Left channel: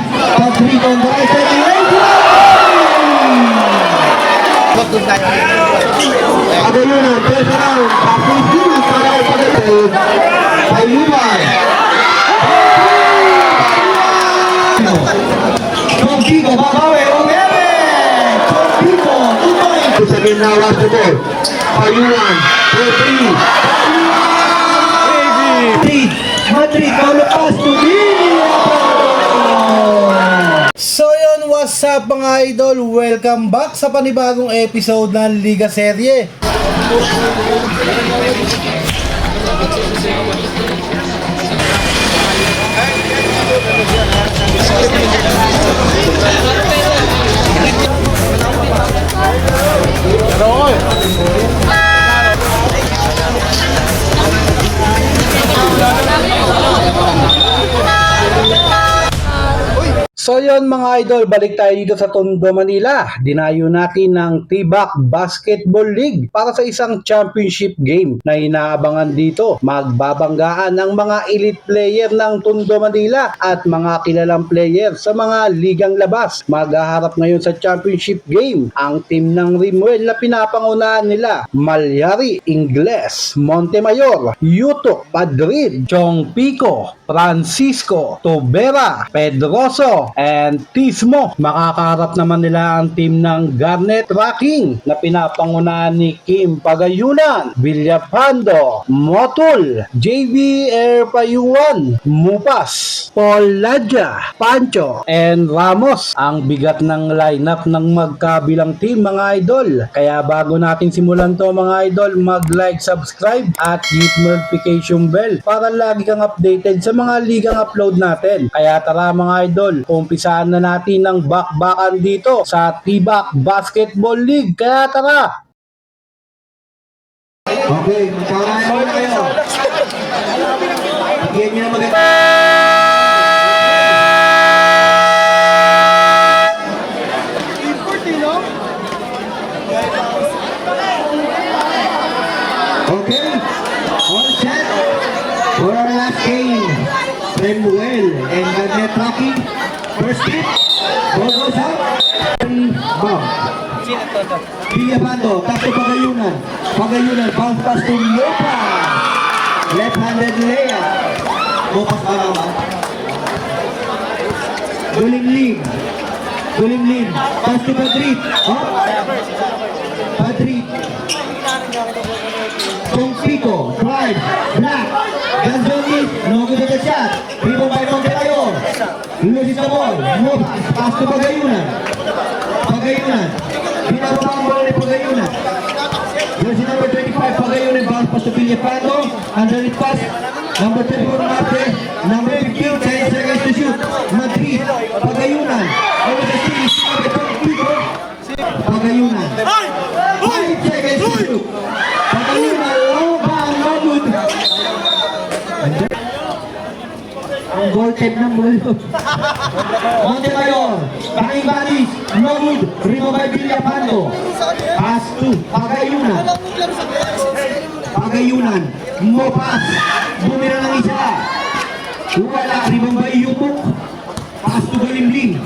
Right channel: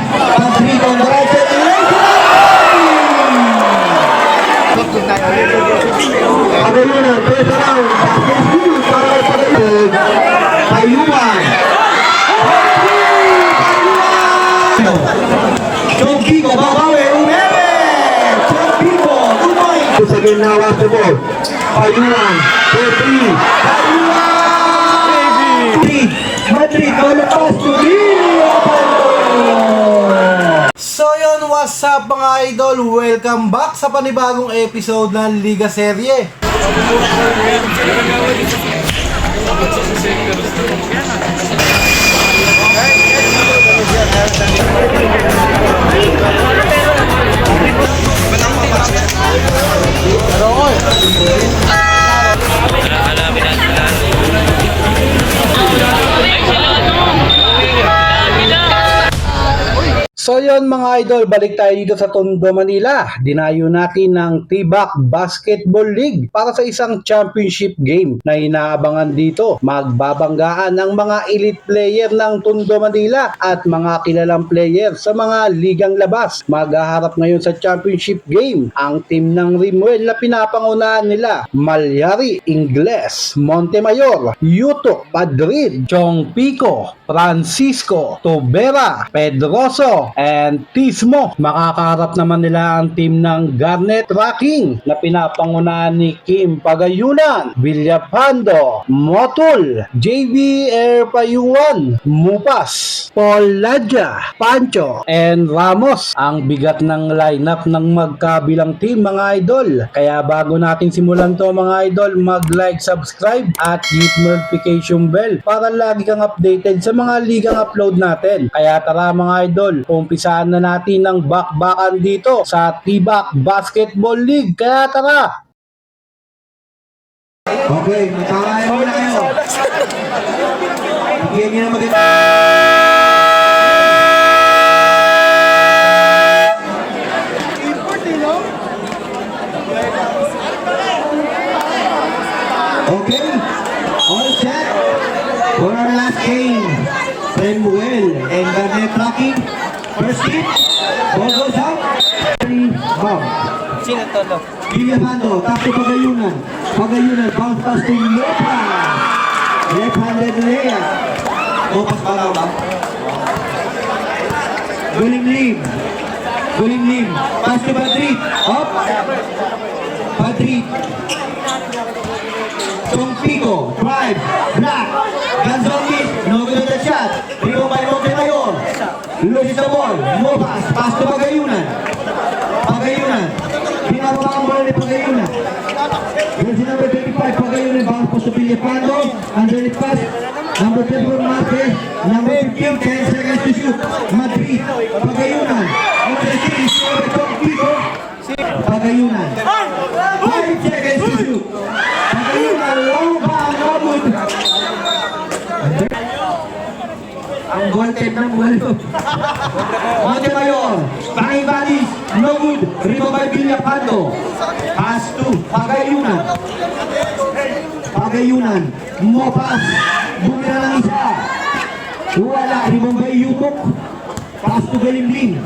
Padrid. Padrid on the right side. Pagayunan, first round. Passes two para kay Padrid. Payuman. Chongpico, babawi, umere. Chongpico, 2 points. Second now after ball. Payuman, 4-3. Madrid, malupas to So yun, what's up mga idol? Welcome back sa panibagong episode ng Liga Serye. So yun mga idol, balik tayo dito sa Tondo, Manila. Dinayo natin ng T-Back Basketball League para sa isang championship game na inaabangan dito. Magbabanggaan ang mga elite player ng Tondo, Manila at mga kilalang player sa mga ligang labas. Maghaharap ngayon sa championship game ang team ng Rimuel na pinapangunahan nila: Malyari, Ingles, Montemayor, Yutok, Padrid, Chongpico, Francisco, Tobera, Pedroso, and Tismo. Makakaharap naman nila ang team ng Garnet Tracking na pinapangunahan ni Kim Pagayunan, Villapando, Motul, JB Erpayuan, Mupas, Paul Ladja, Pancho, and Ramos. Ang bigat ng lineup ng magkabilang team mga idol. Kaya bago natin simulan to mga idol, mag-like, subscribe at hit notification bell para lagi kang updated sa mga ligang upload natin. Kaya tara mga idol, umpisaan na natin ng bakbakan dito sa T-Back Basketball League. Kaya tara! Okay, magkakaroon muna kayo. Bigyan niyo na maganda. Okay, all set for our last game. Samuel and Garnet Tracking. First hit, ball goes up. Bomb. Villapando, tap to Pagayunan. Pagayunan, bounce pass to Mopa. Left-handed layup. Mopa ba naman? Guling Lim. Guling Lim. Pass to Madrid. Up. Madrid. Chongpico. Drive. Black. Gonzalez. No good at the shot. Rebound by Montemayor. Loses the ball. Mopas. Pass to Pagayunan. Pagayunan. Pinapakang ball ni Pagayunan. Jersey number 25, Pagayunan. Bounce pass to Villapando. Underneath pass. Number 34, Marte. Number 15, 10 seconds to shoot. Madrid. Pagayunan. Over the series. Chongpico. Pagayunan. 5 seconds to shoot. Pagayunan. Low ball. Labud. Ang goal-tip ng walo. Montemayor, Bani-Banis, no good, rebound by Villapando. Pass to Pagayunan. Pagayunan, Mopas, bumira ng isa. Wala, rebound by Yumok. Pass to Galimlim.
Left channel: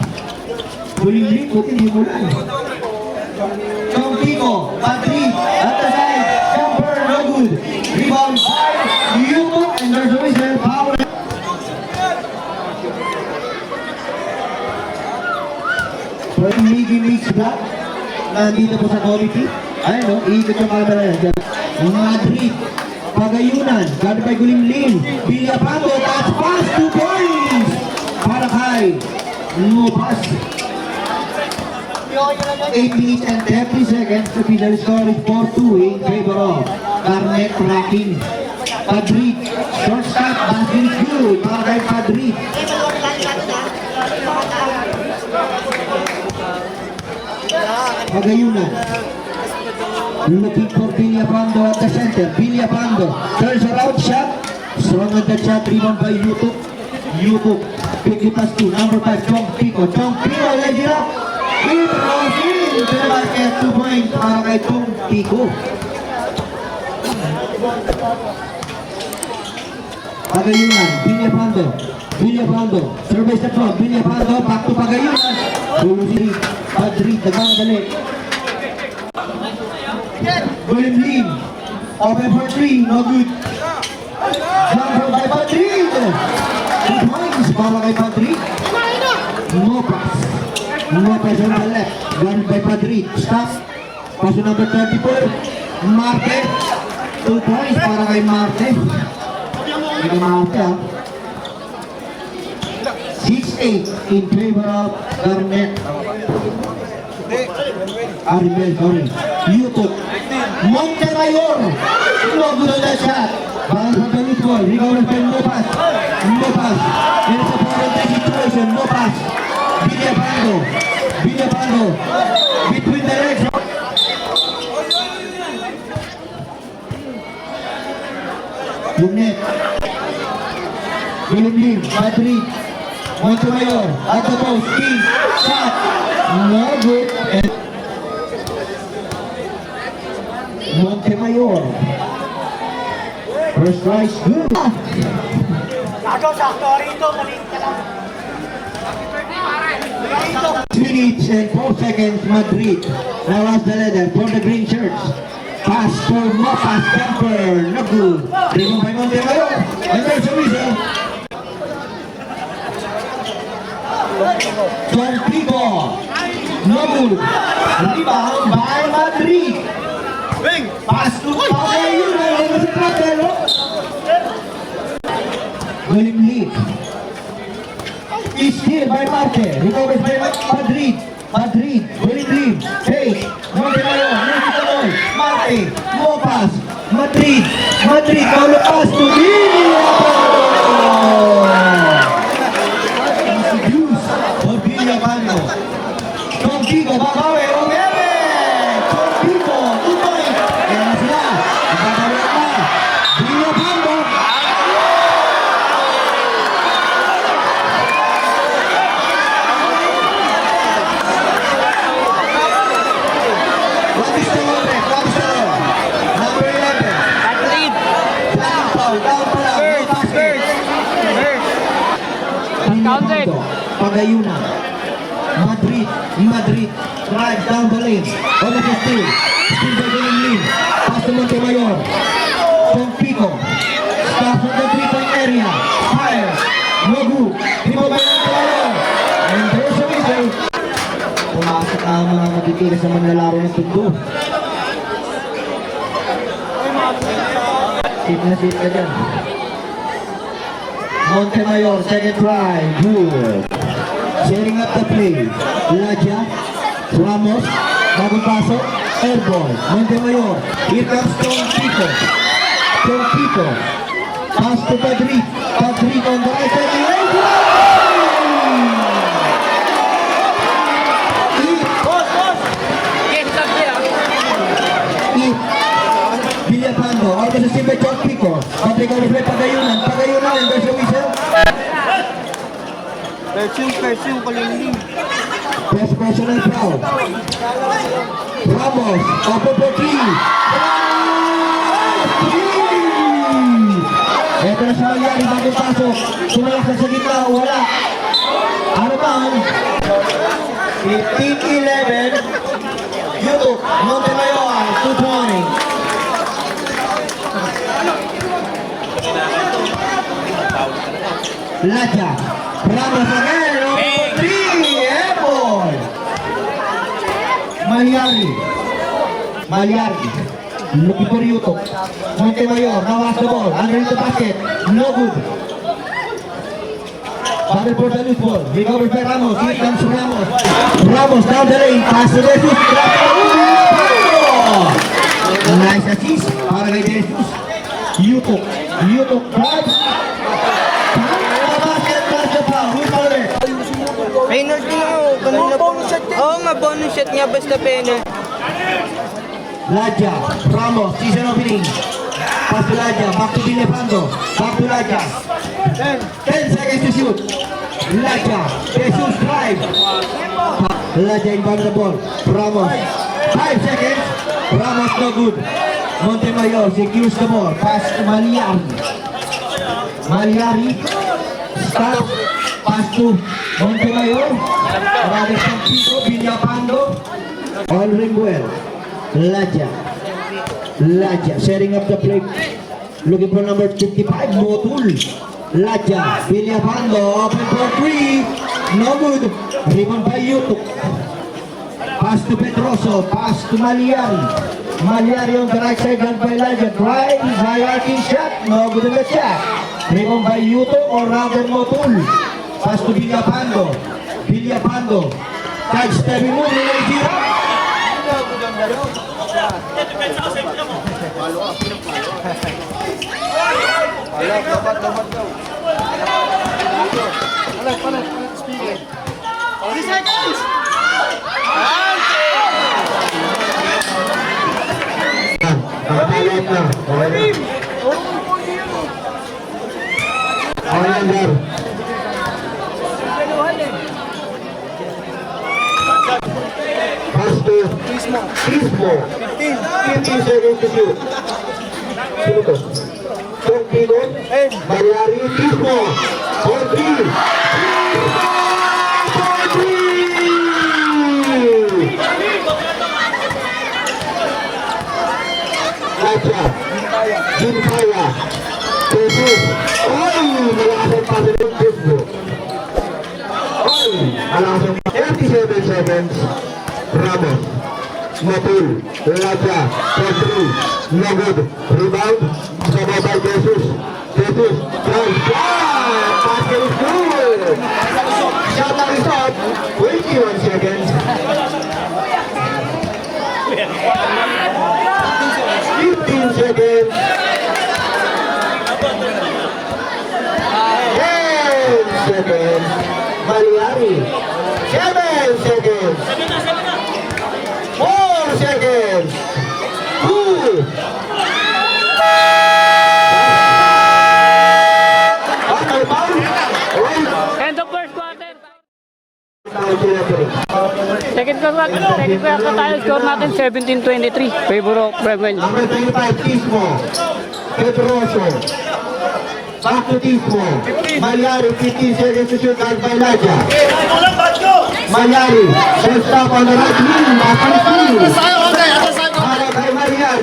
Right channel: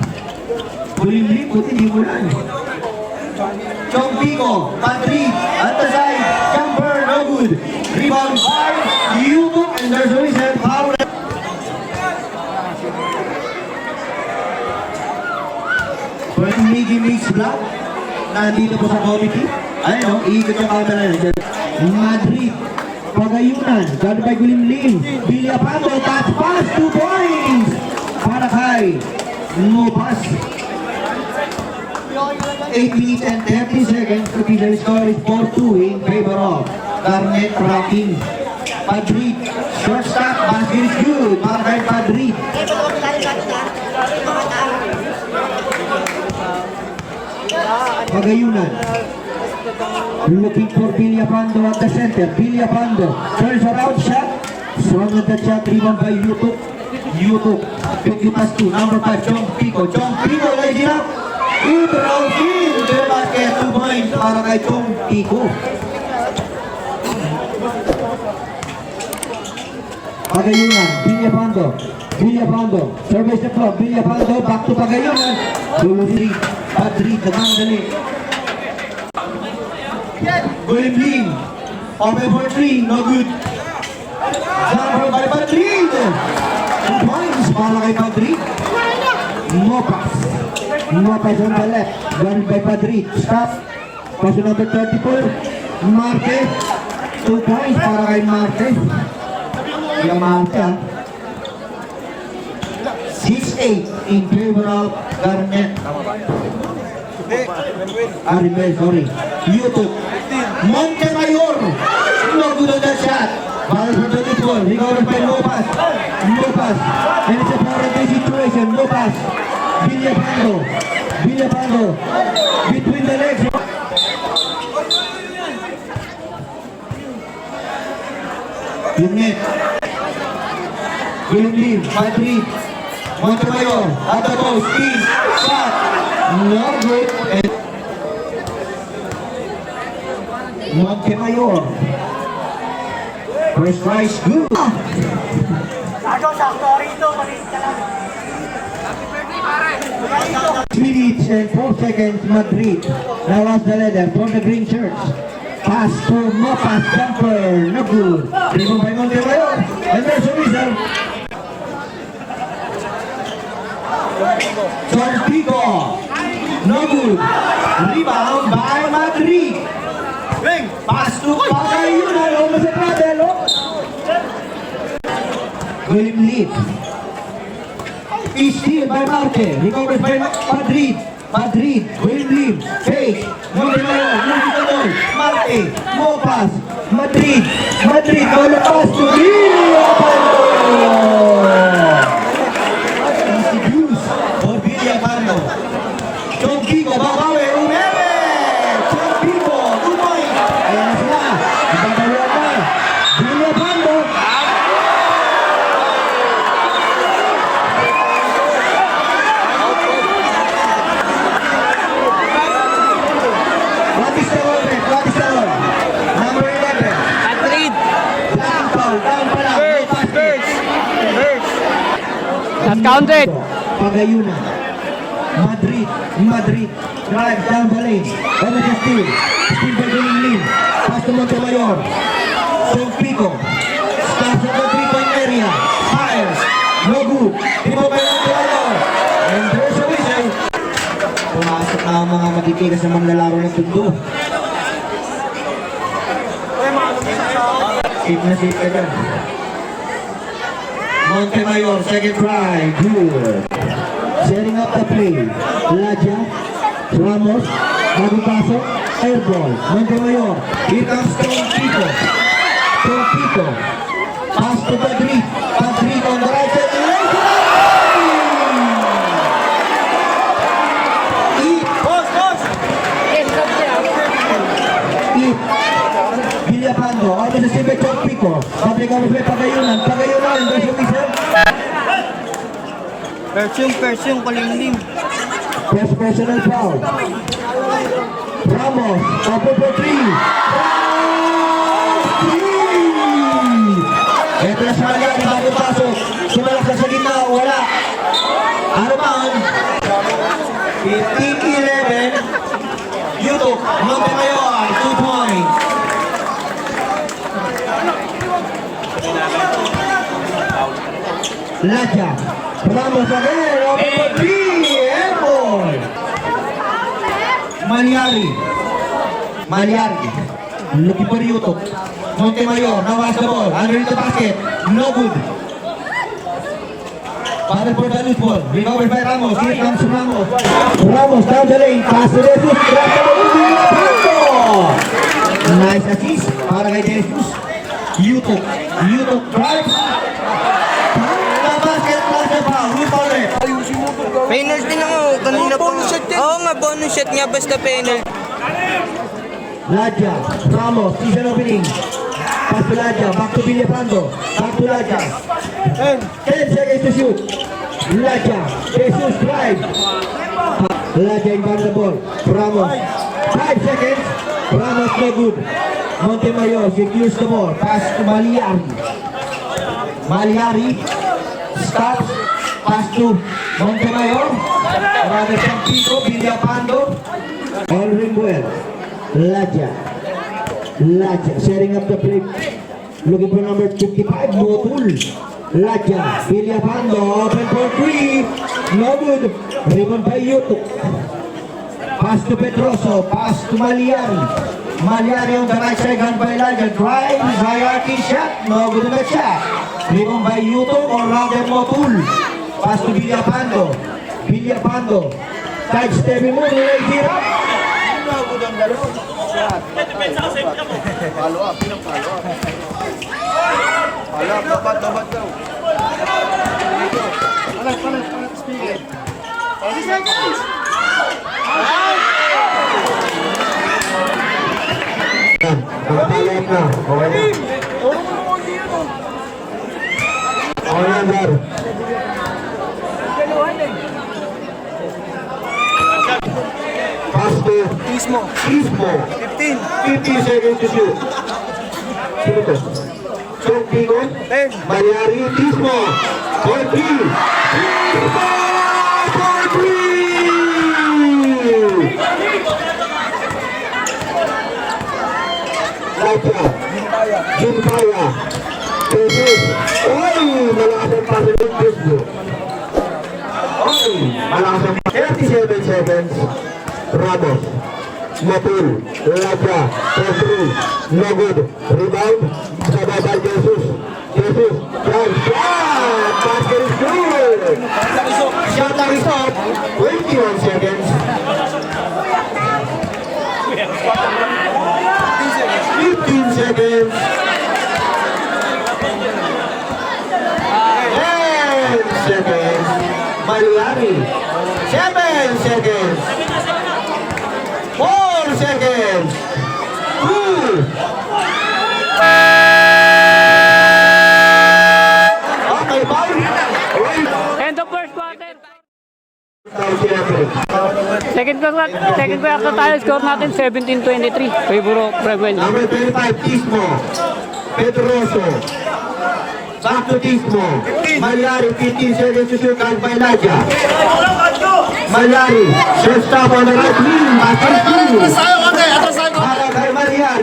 Galimlim, buti di mo lang. Chongpico, Madrid, other side, Camper, no good. Rebound by Yumok, and there's a whistle, foul. Maybe mix block nandito po sa committee. Ayun, iikot yung camera. Madrid, Pagayunan, guarded by Gulimlim. Villapando, touch pass, 2 points para kay Mopas. 8 minutes and 30 seconds to final score is 4-2 in favor of Garnet Tracking. Madrid, short stop, basket is good para kay Madrid. Pagayunan, looking for Villapando at the center. Villapando turns around shot. Strong on the shot, rebound by Yutok. Yutok, quickly pass to number 5, Chongpico. Chongpico, lays it up. It round in the basket, 2 points para kay Chongpico. Pagayunan, Villapando. Villapando. Service na po. Villapando. Back to Pagayunan. Lulusi. Madrid. Nagmamadali. Gulimlim. Open for 3. No good. Jumper by Madrid. 2 points para kay Madrid. Mopas. Mopas on the left. Gone by Madrid. Stop. Pass number 34. Marte. 2 points para kay Marte. Hindi Marte ah. 6-8 in favor of Garnet. Aribel, sorry. YouTube. Montemayor. No good on that shot. Ball for the football. Recover by Mopas. Mopas. And it's a parenthetic situation. Mopas. Villapando. Villapando. Between the legs. Yung net. Gulimlim. Madrid. Montemayor. At the post. Spin. Shot. No good. And Montemayor. First tries, good. Minutes and 4 seconds, Madrid. Now lost the leader for the green shirts. Pass for Mopas, Kemper, no good. Rebound by Montemayor. And there's a whistle. Torpigo. No good. Rebound by Madrid. Pass to Pagayunan. Over sa Pradelo. Gulimlim. Is here by Marte. Recovers by Madrid. Madrid. Gulimlim. Fake. Montemayor. Multiple. Marte. Mopas. Madrid. Madrid. Paulo pass to Villapando. Easy juice for Villapando. Torpigo. Babawe. Umere. Torpigo. 2 points. Ayan na sila. Ibabawian na. Villapando. What is the open? What is the law? Number 11. Madrid. Down foul. Down pa lang. No basket. Uncounted. Pagayunan. Madrid. Madrid. Drive down the lane. Over the steal. Steal by Gulimlim. Pass to Montemayor. Torpigo. Stops at the 3-point area. Fire. No good. Rebound by Montemayor. And there's a whistle. Pumasok ang mga matitigas na manlalaro ng tundo. Sip na sip ka dyan. Montemayor, second try. Good. Setting up the play. Laja. Ramos. Bagong pasok. Airball. Montemayor. Here comes Torpigo. Torpigo. Pass to Madrid. Madrid on the right side. Villapando, out sa Silve Torpigo. Patrick may Pagayunan. Pagayunan, and there's a whistle. Person, Gulimlim. First personal foul. Ramos, open for 3. Ito na si Malyari, bagong pasok. Sumalak na sa gitna, wala. Ano ba? 15-11. YouTube, Montemayor, 2 points. Laja, Ramos again, open for 3, airball. Malyari, looking for YouTube. Montemayor, now has the ball, underneath the basket, no good. Battle for the loose ball, recovered by Ramos, here comes Ramos. Ramos down the lane, pass to Jesus, drop the ball. Nice assist para kay Jesus. YouTube drive. Penalty na nga. Kanina pa nga. Oo nga, bonus shot niya basta penalty. Laja, Ramos, season opening. Pass to Laja, back to Villapando. Back to Laja. 10 seconds to shoot. Laja, Jesus drive. Laja inbound the ball. Ramos, 5 seconds. Ramos no good. Montemayor secures the ball. Pass to Malyari. Malyari, start. Pass to Montemayor. Marami siyang Pico, Villapando. Olringuel. Laja. Setting up the play. Looking for number 55, Motul. Laja. Villapando. Open for 3. No good. Rebound by Yutuk. Pass to Pedroso. Pass to Malian. Malian on the right side, gun by Laja. Drive. High arcing shot. No good on the shot. Rebound by Yutuk or rather Motul. Pass to Villapando. Touch stepping move. Nigeria. Nakatayan na. Okay. Tismo. 15 seconds to shoot. Sino to? Song Pico. Malyari. Tismo. Point 3. Laja. Jimpaya. Jesus. Oy! Malakas ang pasa ng Tismo. Oy! Malakas ang 37 seconds. Ramos. Motul, Laja, Pedro, no good, rebound, Sabah by Jesus, drive, basket is good, shot is up, 21 seconds, 15 seconds, 10 seconds, Malyari, 7 seconds, 4 seconds. 2. End of first quarter. Second quarter tayo, score natin 17-23. Favor of Rebel. Number 35, Tismo. Pedroso. Back to Tismo. Malyari, 15 seconds to shoot out by Laja. Malyari, shot stop on the right wing. Basket is para kay Malyari.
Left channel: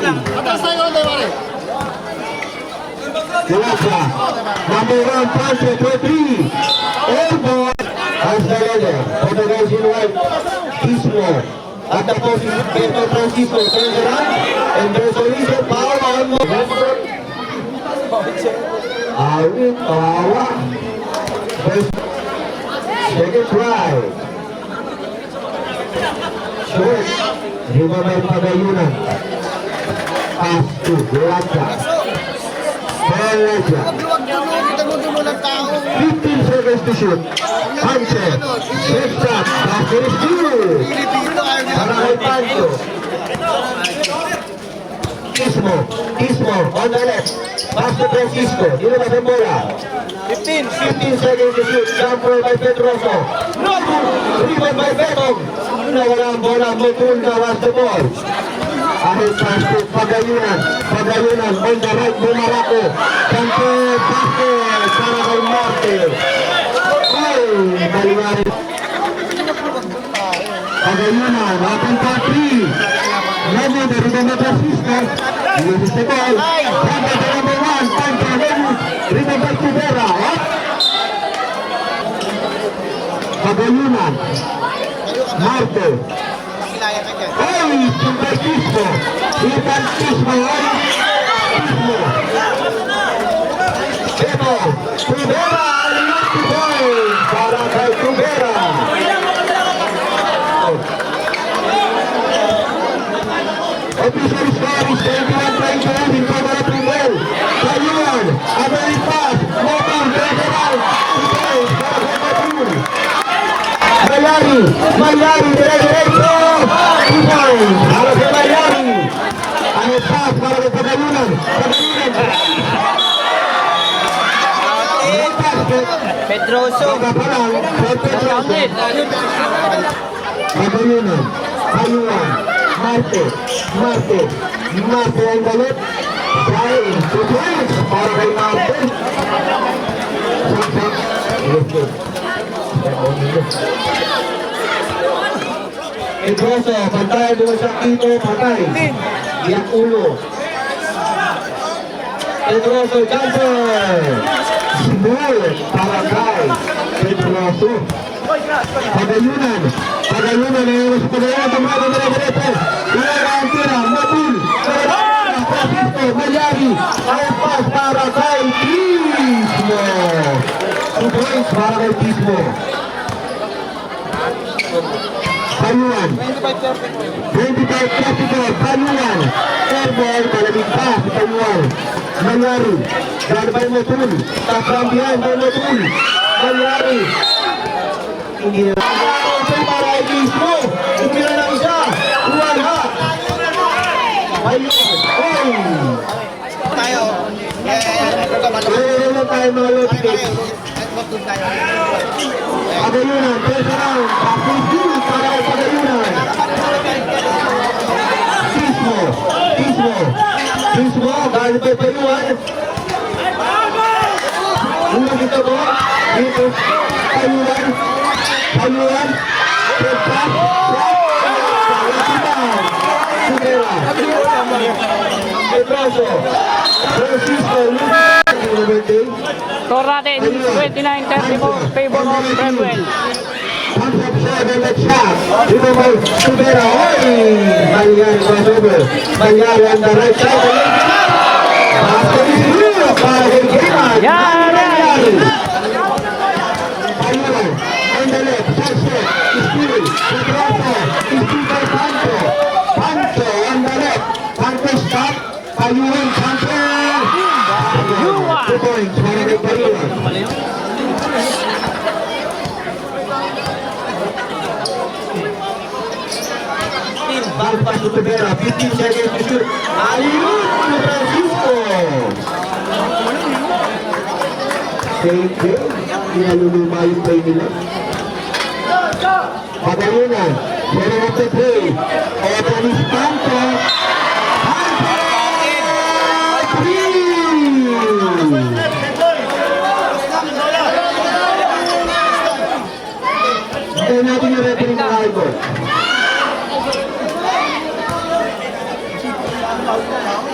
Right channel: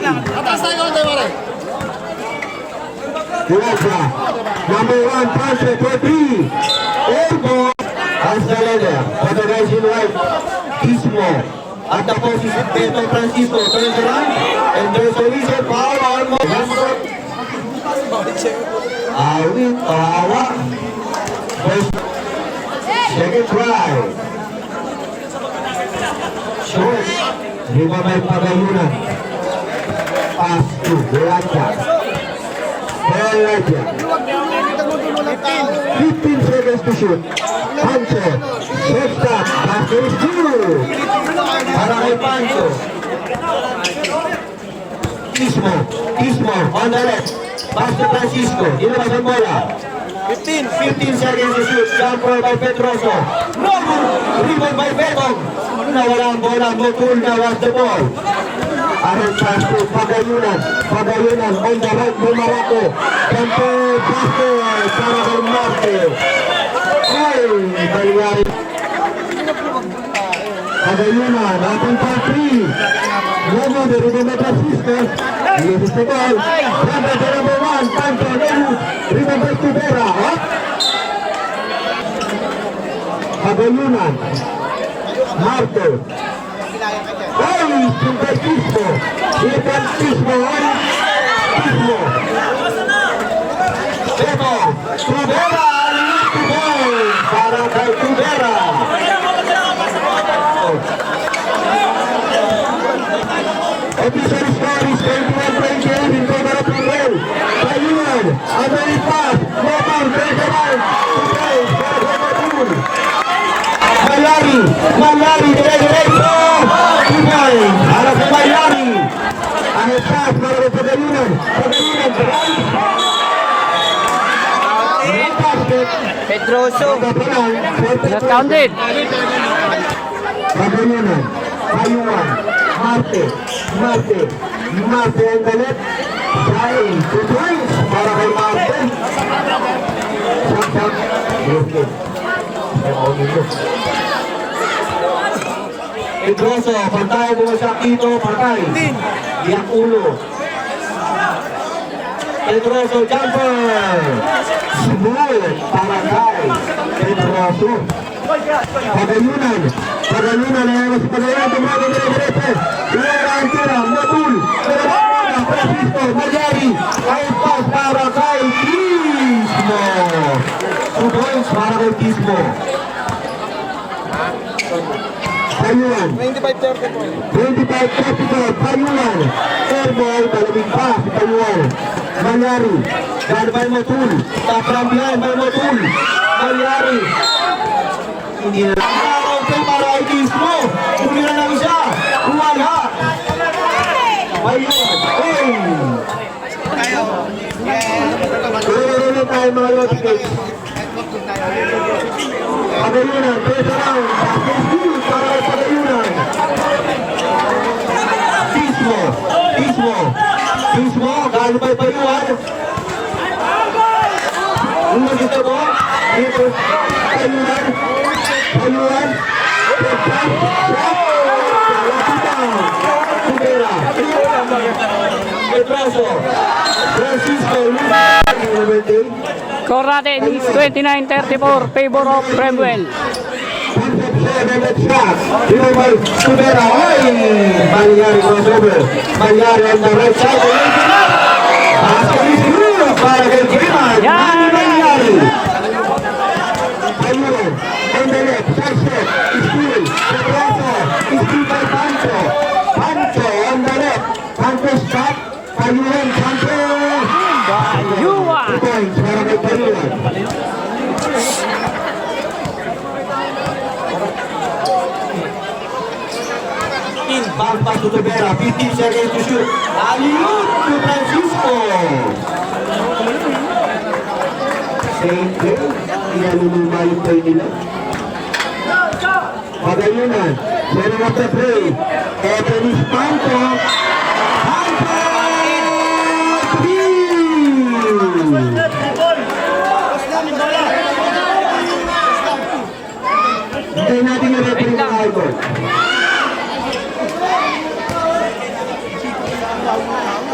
Laja, number 1, Pancho for 3. Airborne. Osvaldo, on the rising right. Tismo. At the post is Pedro Francisco. Turning around. And there's a reason foul on Mohammed. Awit, tawa. Second try. Short. Lima may Pagayunan. Pass to Laja. Laja. 15 seconds to shoot. Pancho. Short shot. Basket is good. Para kay Pancho. Tismo on the left. Pass to Francisco. Ilabas ang bola. 15 seconds to shoot. Jump ball by Pedroso. No good. Rebound by Betong. Nawala ang bola. Motul na was the ball. Ahit pass to Pagayunan. Pagayunan on the right. Lumarako. Campo basket. Para kay Marte. Ay, Malyari. Pagayunan. Open for 3. Luego de rebound by Francisco. This is the ball. Rebound by number 1. Pancho. Rebound by Tubera. Pagayunan. Marte. Oh, by Tismo. Here comes Tismo. Tismo. Checo. Tubera. Left goal. Para kay Tubera. Episode score is 21-28 in favor of Rebel. Payuan. Abel pass. Motor. Federal. Malyari, dire-diretso. Ipay, para sa Malyari. Ang pass para sa Pagayunan. Drive. No basket. Pedroso. Nagpapalang. Pagayunan. Payuan. Marte ang galit. Trying to twist para kay Marte. Pedroso, pantay, bumasak dito, pantay. Yak ulo. Pedroso, jumper. Small, Paragay. Pedroso. Pagayunan. Pagayunan, ayun sa Pagayunan, tumago na diretso. Galera, Antera, Matul. Francisco, Malyari. Ayun pas para kay Pismo. 2 points para kay Pismo. Payuan. 25-34, Payuan. Airball, malamig pa si Payuan. Malyari. Garbay Matul. Taprambihan kay Matul. Malyari. Hindi na. Open para kay Pismo. Umira ng isa. Wala. Payuan. Meron na tayo mga loticates. Pagayunan, first round. Pasok dito para kay Pagayunan. Pismo. Pismo. Pismo. Dahil pa'y Payuan. Unang gusto ko. Dito. Payuan. Payuan. Pagkat. Pedroso. Francisco. Score natin is 29-34, favor of Treadwell. Dito may Subera. Malyari crossover. Malyari on the right side. Basket is good para kay Freeman. Malyari. Payuan. On the left. Check step. Steal. Pedroso. Steal by Pancho. Pancho on the left. Pancho stop. Payuan. Pancho. Yuwa. 2 points para kay Payuan. Ball pass to Tobera, 15 seconds to shoot. Ayun to Francisco. Same play. Inaluluma yung play nila. Pagayunan. Yan ang after play. Open is Pancho. Pancho! 3! Hindi natin yung referee ng eyeball.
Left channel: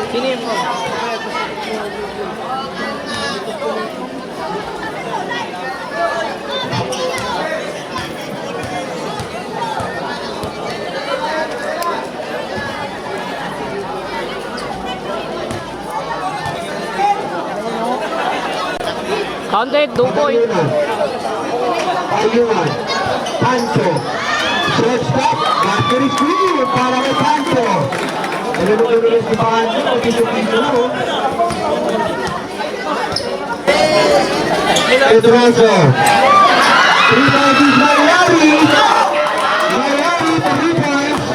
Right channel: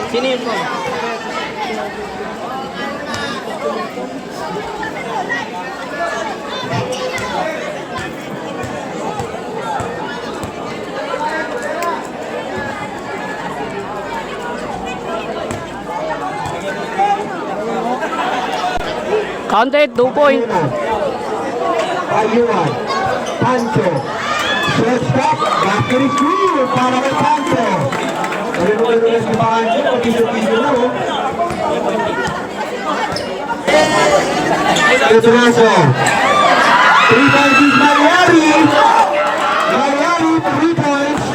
Sino yun po? Counted, 2 point. Payuan. Pancho. Short stop. Basket is good para kay Pancho. Ano mo lumilis ni Pancho? Pagkisukin na o. Pedroso. 3 points is Malyari. Malyari, 3 points.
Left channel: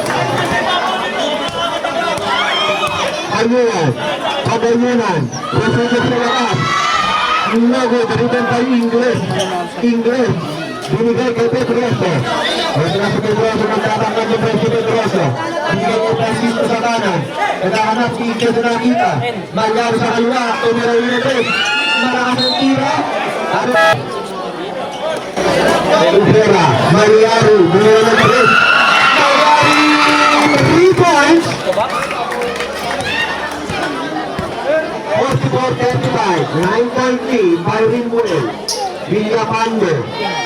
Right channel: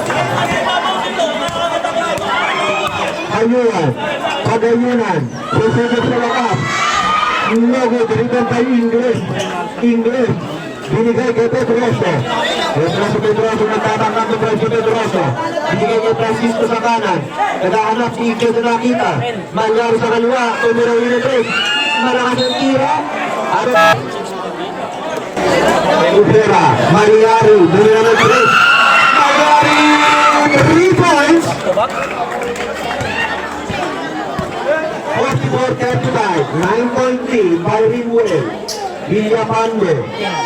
Payuan. Pagayunan. Proseso sa lakas. Luego, deritan tayo Ingles. Ingles. Binigay kay Pedroso. Ito na si Pedroso. Nagtatanggap ng Pedroso Pedroso. Binigay kay Francisco sa kanan. Naghahanap si Ingles na nakita. Malyari sa kaliwa. Tumira yung break. Malakas ang tira. Rivera. Malyari. Binigay ng break. Malyari. 3 points. 44-35, 9.3, Byron Way, Villapando,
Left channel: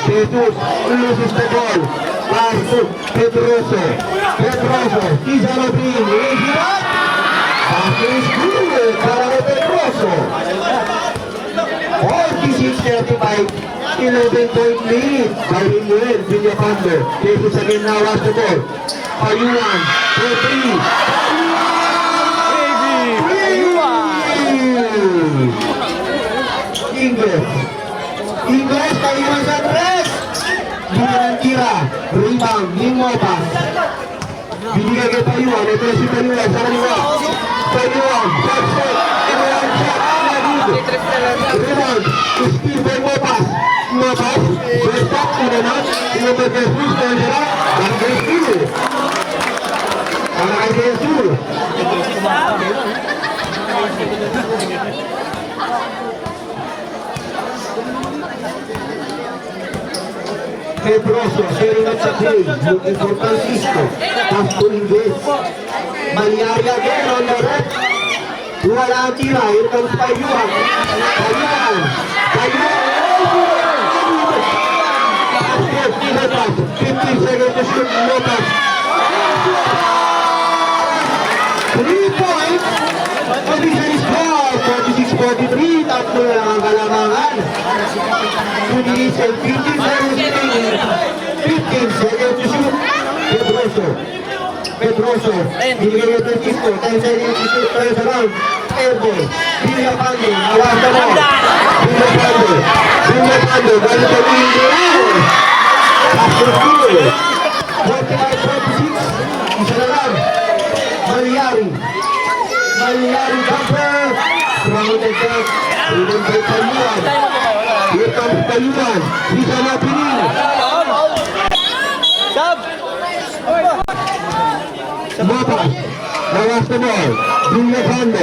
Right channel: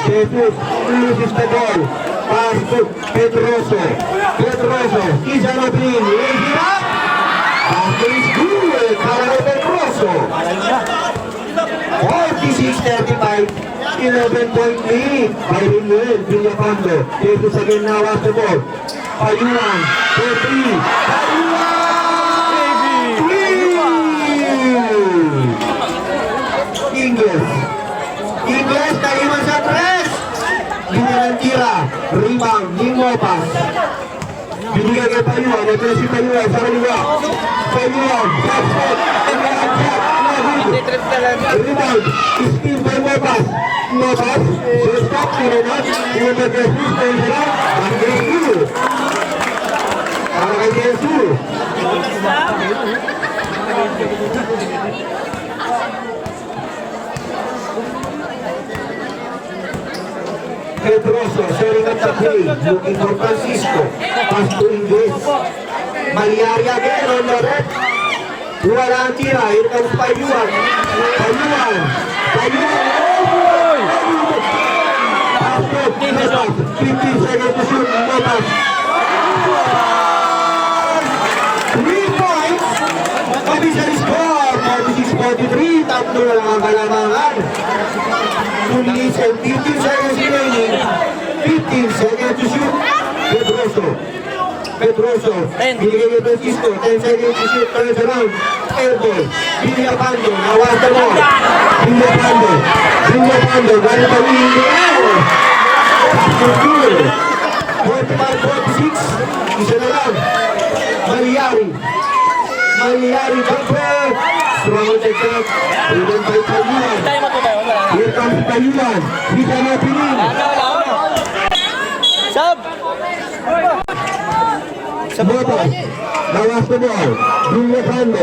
Jesus, Luis Tagol, Carlos, Pedroso, Kiza Rodríguez, raise it up, after his good, para kay Pedroso, 46-35, 11-point lead, Byron Way, Villapando, Jesus again now has the ball, Payuan, 4-3, Ingles naiwan sa press. Binigay tira. Rebound. Limopas. Binigay kay Payuan. Ito si Payuan sa kaliwa. Payuan. Shot shot. Rebound. Steal by Mopas. Mopas. First stop. Tinanat. Tinanat kay Jesus. Tinanat. Ang Jesus. Para kay Jesus. Pedroso, setting up the play, looking for Francisco. Pass to Ingles. Malyari again on the left. Wala ang tira. Here comes Payuan. Payuan. Pass to Mopas. 15 seconds to shoot. Mopas. 3 points. Official score. 46-43. Tatlo na lang ang kalamangan. 2 minutes and 15 seconds remaining. 15 seconds to shoot. Pedroso, binigay niya Francisco, 10 seconds to shoot, turns around, airball, Villapando, nawasan mo, Villapando, gano'n pa rin yung goal, after goal, 21-46, isa na lang, Malyari jumper, strong the shot, even by Kayuan, here comes Kayuan, hindi na pinin, Mopas, nawas the ball, Villapando,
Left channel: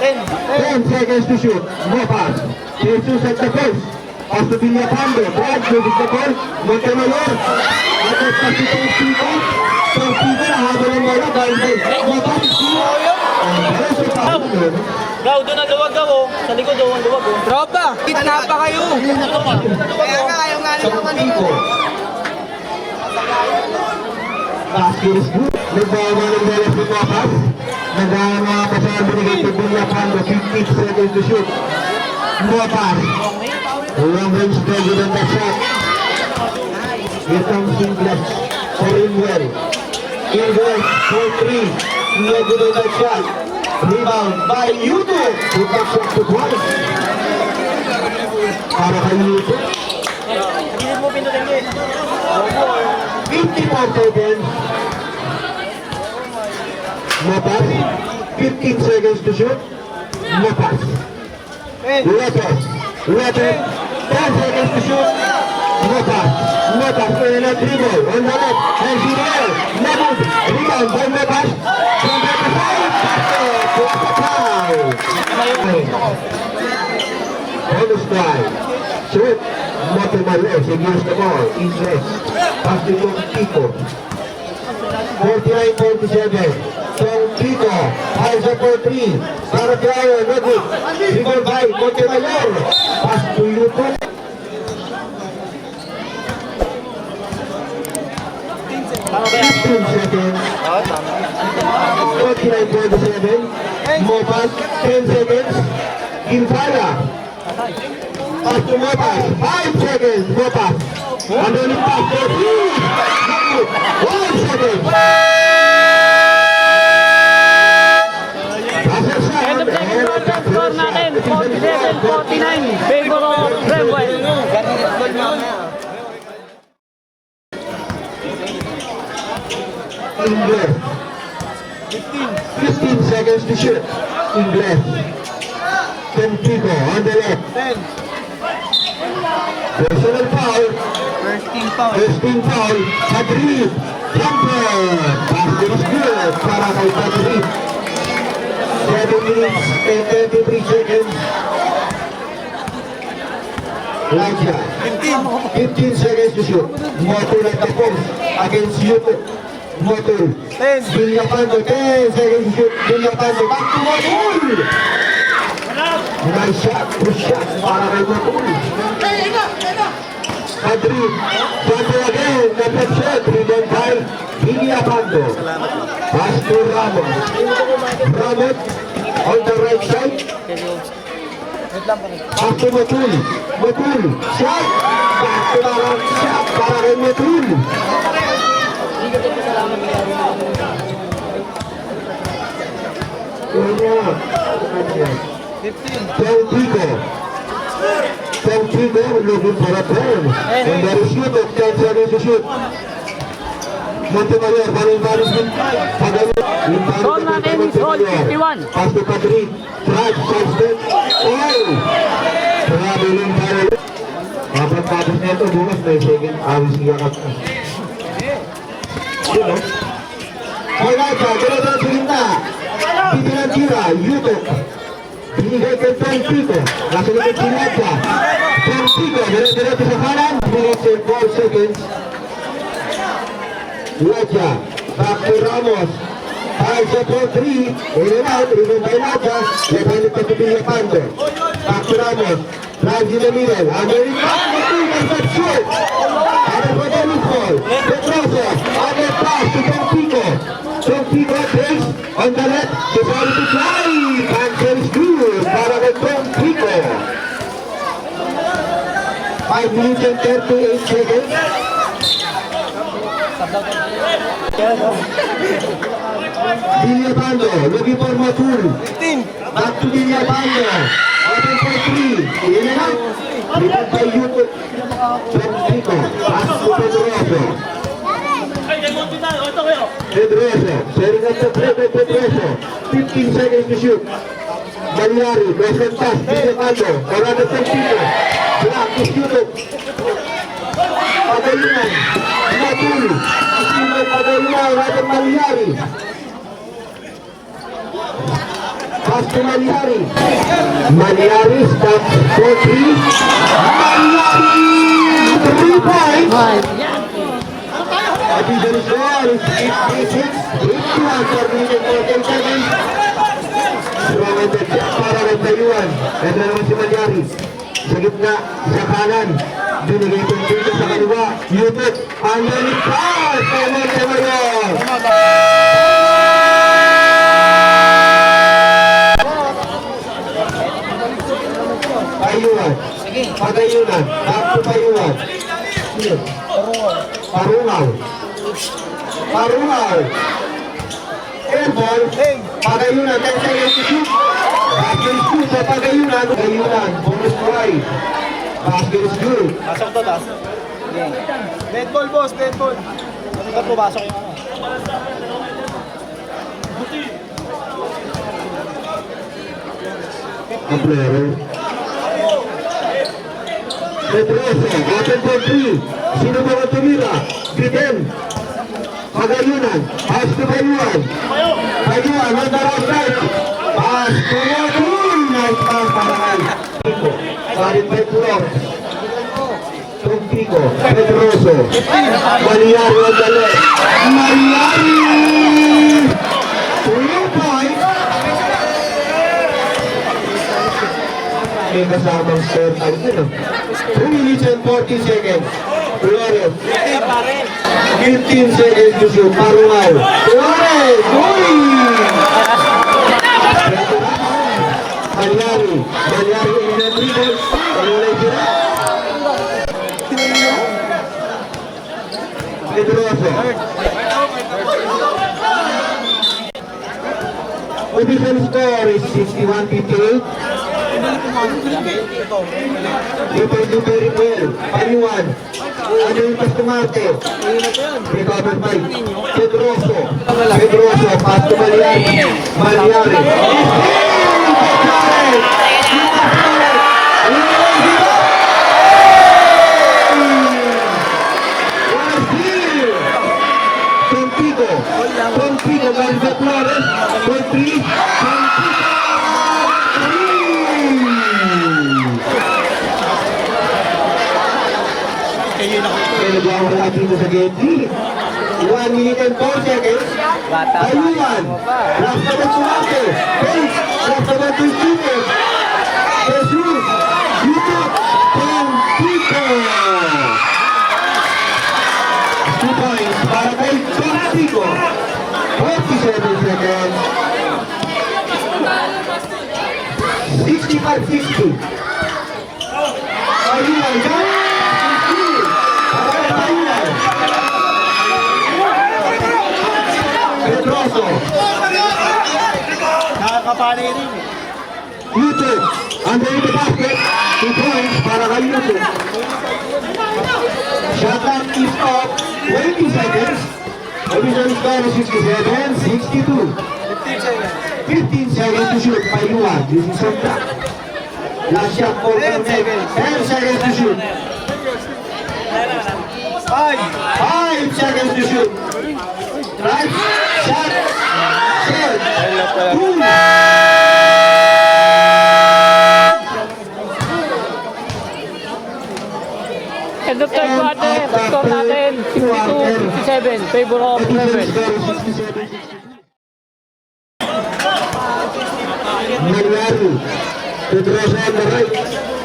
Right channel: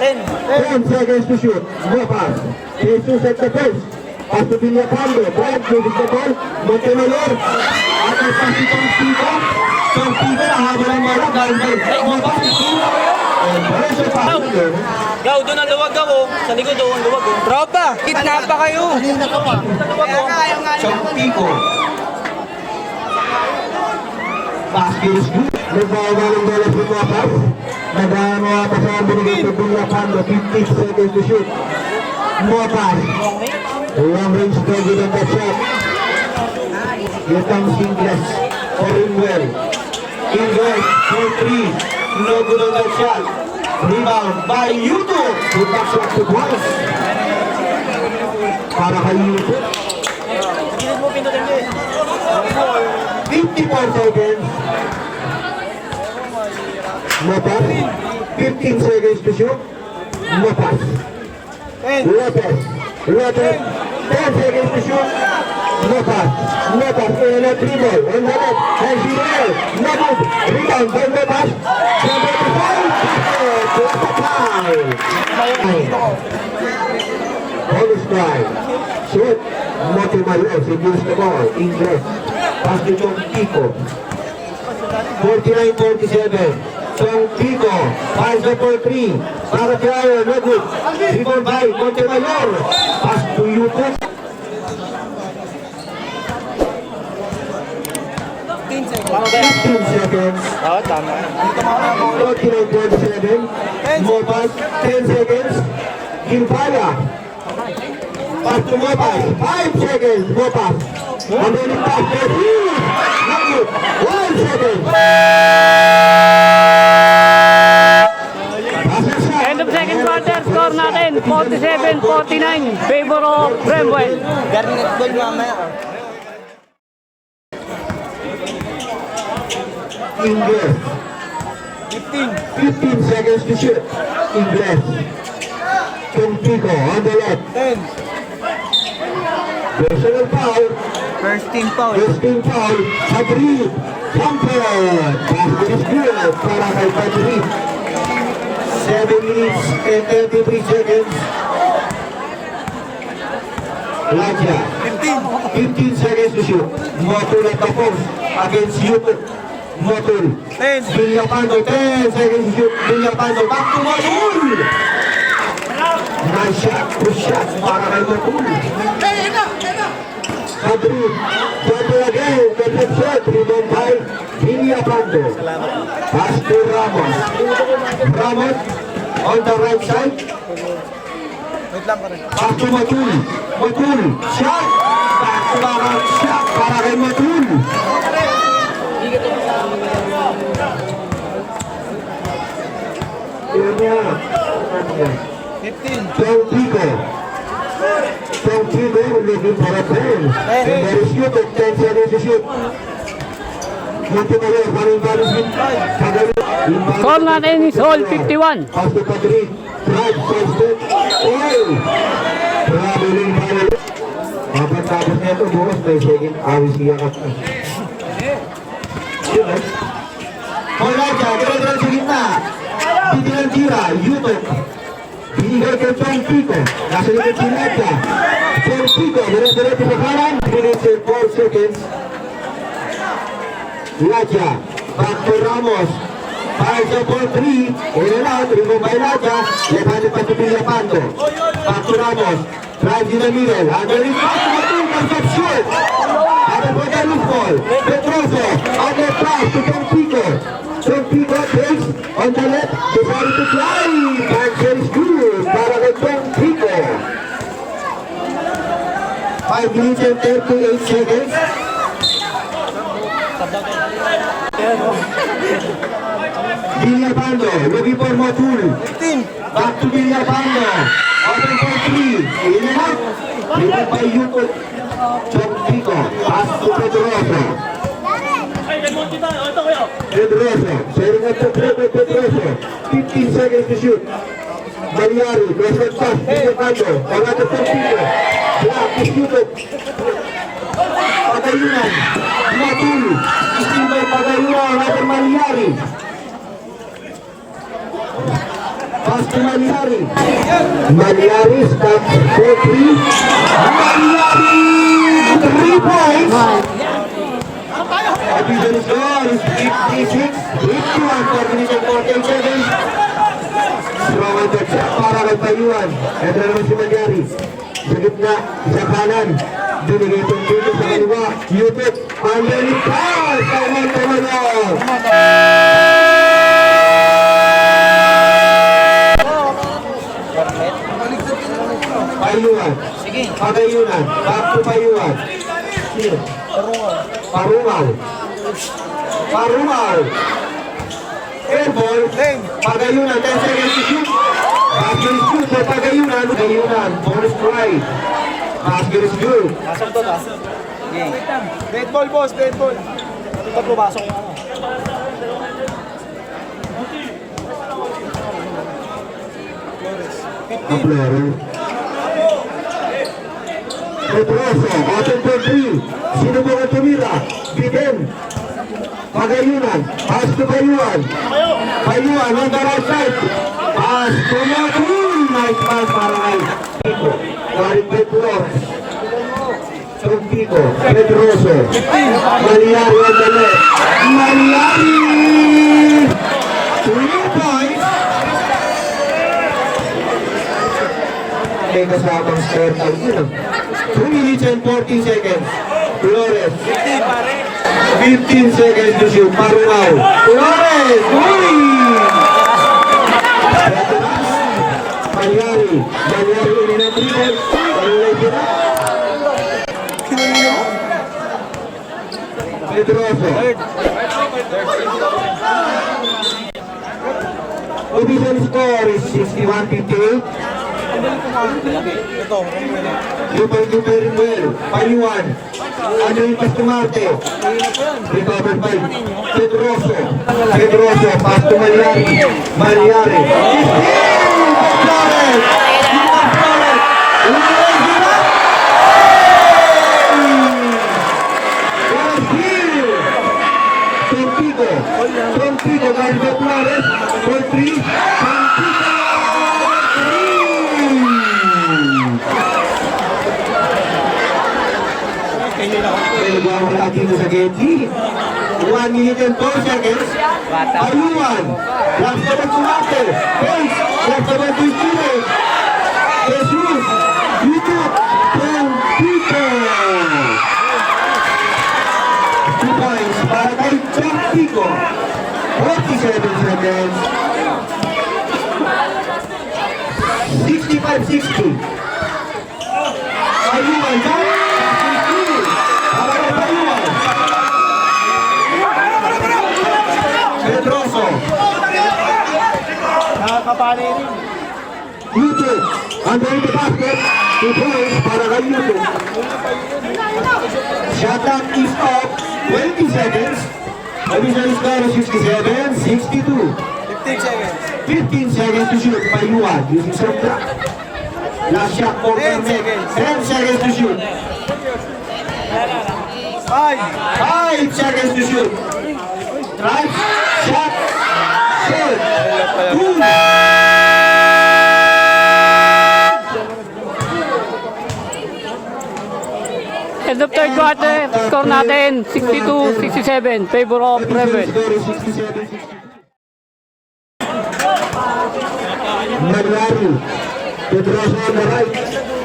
10 seconds to shoot, Mopas, Jesus at the post, pass to Villapando, Brad, moving the ball, Montemayor, atas pass to Tom Pico, nahaba ng bala, dahil kay Mopas, Diretso pa, Gaw, doon ang luwag gaw. Sa likod doon ang luwag. Tropa, kitna pa kayo. Kaya nga, ayaw nga Tom Pico, basket is good. Nagbawa ng bola si Mopas. Nagbawa pa sa binigay sa Villapando. 15 seconds to shoot. Mopas. Long range target on the shot. Here comes Ingles. Ringwell. Ingles for 3. No good on that shot. Rebound by Yuto. Good back shot to Boris. Para kay Yuto. Gilid mo pindutin niya. 54 seconds. Mopas. 15 seconds to shoot. Mopas. Lopez. 10 seconds to shoot. Mopas. In a dribble. On the left. And Gilles. Mopas. Rebound by Mopas. From the side. Plus a tie. Bonus try. Shoot. Montemayor. Segues the ball. Ingles. Pass to Tom Pico. 49-47. Tom Pico. Fires up for 3. Para Cryo. No good. Dribble by Montemayor. Pass to Yuto. 15 seconds. 49-47. Mopas. 10 seconds. Gimpala. Pass to Mopas. 5 seconds. Mopas. Underneath pass for 3. No good. 1 second. End of second quarter, score natin, 47-49, favor of Bremwell. Ingles. 15 seconds to shoot. Ingles. Tom Pico on the left. Personal foul. First team foul. Madrid. Jumper. Basket is good para kay Madrid. 7 minutes and 33 seconds. Elijah. 15 seconds to shoot. Motul at the post against Yuto. Motul. Villapando. 10 seconds to shoot. Villapando. Back to Motul. Nice shot. Good shot para kay Motul. Madrid. Jumper again. Double shot. Rebound by Villapando. Pass to Ramos. Ramos on the right side. Back to Motul. Motul. Shot. Back to Ramos. Shot para kay Motul. Tom Pico. Tom Pico looking for a turn. And there is shoot at 10 seconds to shoot. Montemayor, balon-balon din. Score natin is all 51. Pass to Madrid. Drive, first step. Oh! Traveling foul. Kapag tapos na ito, bukas may second awis niya ka. Alright, ganyan sa gitna. Titilang tira, Yuto. Binigay kay Tom Pico. Nasa likod si Nadja. Tom Pico, dire-diretso sa kanan. Minutes and 4 seconds. Nadja, back to Ramos. Five so for 3. In and out, remove by Nadja. Left-handed pa to Villapando. Back to Ramos. Drives in the middle. Again, back to the two. Comes up short. Other for the loose ball. Petroso. Other pass to Tom Pico. Tom Pico takes on the left. Decided to fly. Cancel is good. Para kay Tom Pico. 5 minutes and 38 seconds. Villapando, looking for Matul. Back to Villapando. Open for 3. In and out. Rebound by Yuko. Tom Pico. Pass to Pedroso. Pedroso. Setting up the play by Pedroso. 15 seconds to shoot. Maliari. Lost and pass. Villapando. Another Tom Pico. Block is Yuko. Pagayunan. Matul. Isimay Pagayunan. Another Maliari. Pass to Maliari. Maliari stops for 3. Maliari! 3 points! Additional score is 56. 51 for minute 14 seconds. Strong and para kay Tayuan. Ito naman si Maliari. Sa gitna, sa kanan. Binigay itong dito sa kaliwa. Yutot. Underneath pass! Tama yun! Payuan. Pagayunan. Back to Payuan. Here. Parungaw. Parungaw. Airball. Pagayunan. 10 seconds to shoot. Basket is good for Pagayunan. Pagayunan. Bonus try. Basket is good. Pasok to, tas. Game. Dead ball, boss. Dead ball. Ito pumasok yung ano. Aplero. Pedroso, open for 3. Sino ba ang tumira? Biden. Pagayunan. Pass to Payuan. Payuan on the right side. Pass to Matul. Nice pass para kay Pico. Karin Petro. Tom Pico. Pedroso. Maliari on the left. Maliari! 3 points. May kasamang score na yun. 3 minutes and 40 seconds. Flores. 15 seconds to shoot. Parungaw. Flores! Uy! Maliari. Maliari in a dribble. Walay sila. Pedroso. Official score is 61-58. Dito very well. Payuan. Ano yung Pastumarte? Recovered by Pedroso. Pedroso. Pass to Maliari. Maliari. Tom Pico. Tom Pico. Garza Flores. For 3. Wala dito sa Getty. 1 minute and 4 seconds. Payuan. Last na Pastumarte. Pence. Last na Pastumarte. Jesus. Yutot. Tom Pico. 2 points para kay Tom Pico. 47 seconds. 65-60. Payuan. Pedroso. Nakakapalay rin. Yutot. Under the basket. 2 points para kay Yutot. Shot clock is off. 20 seconds. Official score is 67-62. 15 seconds. 15 seconds to shoot. Payuan. This is shot clock. Last shot for 10 seconds. 10 seconds to shoot. 5 seconds to shoot. Right. Shot. Shoot. Boom. End of third quarter, score natin 62-67, favor of Rebel. Malyari. To draw on the right.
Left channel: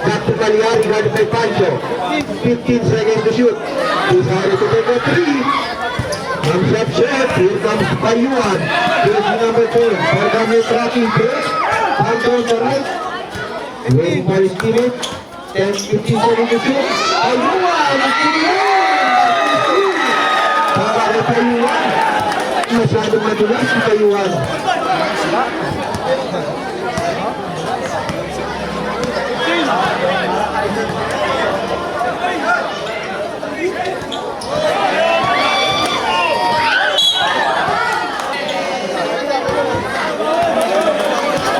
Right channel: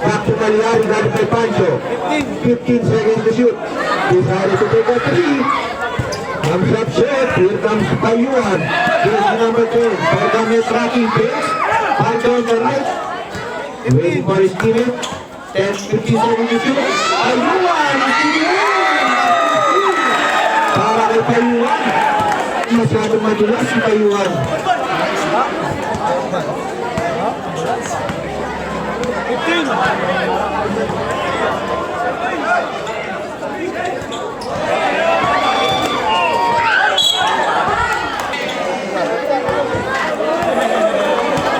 Back to Malyari. Got it by Pancho. 15 seconds to shoot. Decided to take a three. Comes up short. Here comes Payuan. Here's number 10. Pergame tracking pace. Pancho on the right. Waiting for his teammate. 10-15 seconds to shoot. Payuan. Para kay Payuan. Masyadong madulas si Payuan.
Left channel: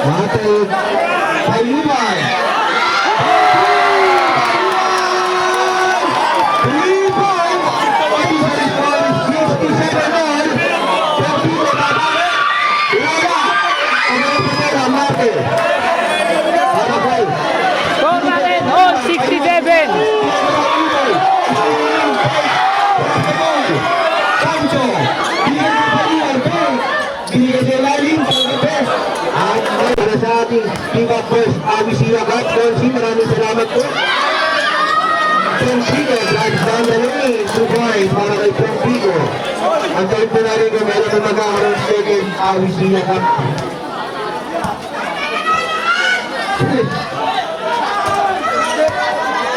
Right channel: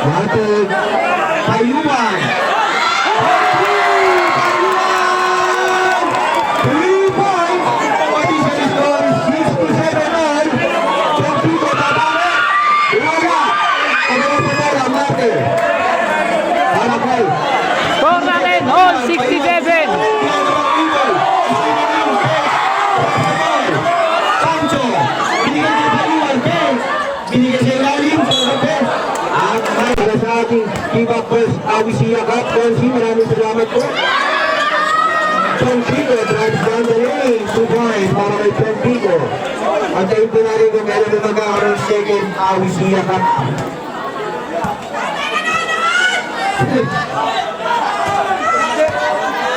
Battle Payuan. 3 points. Additional score is 67 all. Tropico bababa. Wala. Ano na pa ang marker? Tama play. Score natin, all 67. Pancho. Binigay sa Payuan. Binigay sa lalim. At para sa ating Pivak First Awisia Cup, Donsi, maraming salamat po. Tropico drives down the lane. 2 points para kay Tropico. Ang tayo po na rin kung meron na magkakaroon second Awisia Cup.